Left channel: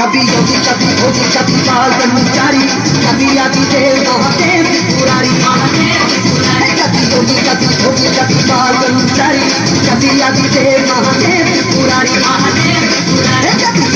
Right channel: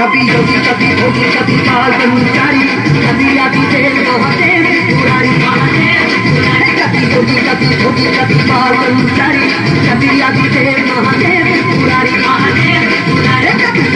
कभी योगी कभी भोगी कभी काल कर्मचारी कभी आदि देव महादेव पुरारी कभी योगी कभी भोगी कभी काल कर्मचारी कभी आदि देव महादेव पुरारी कभी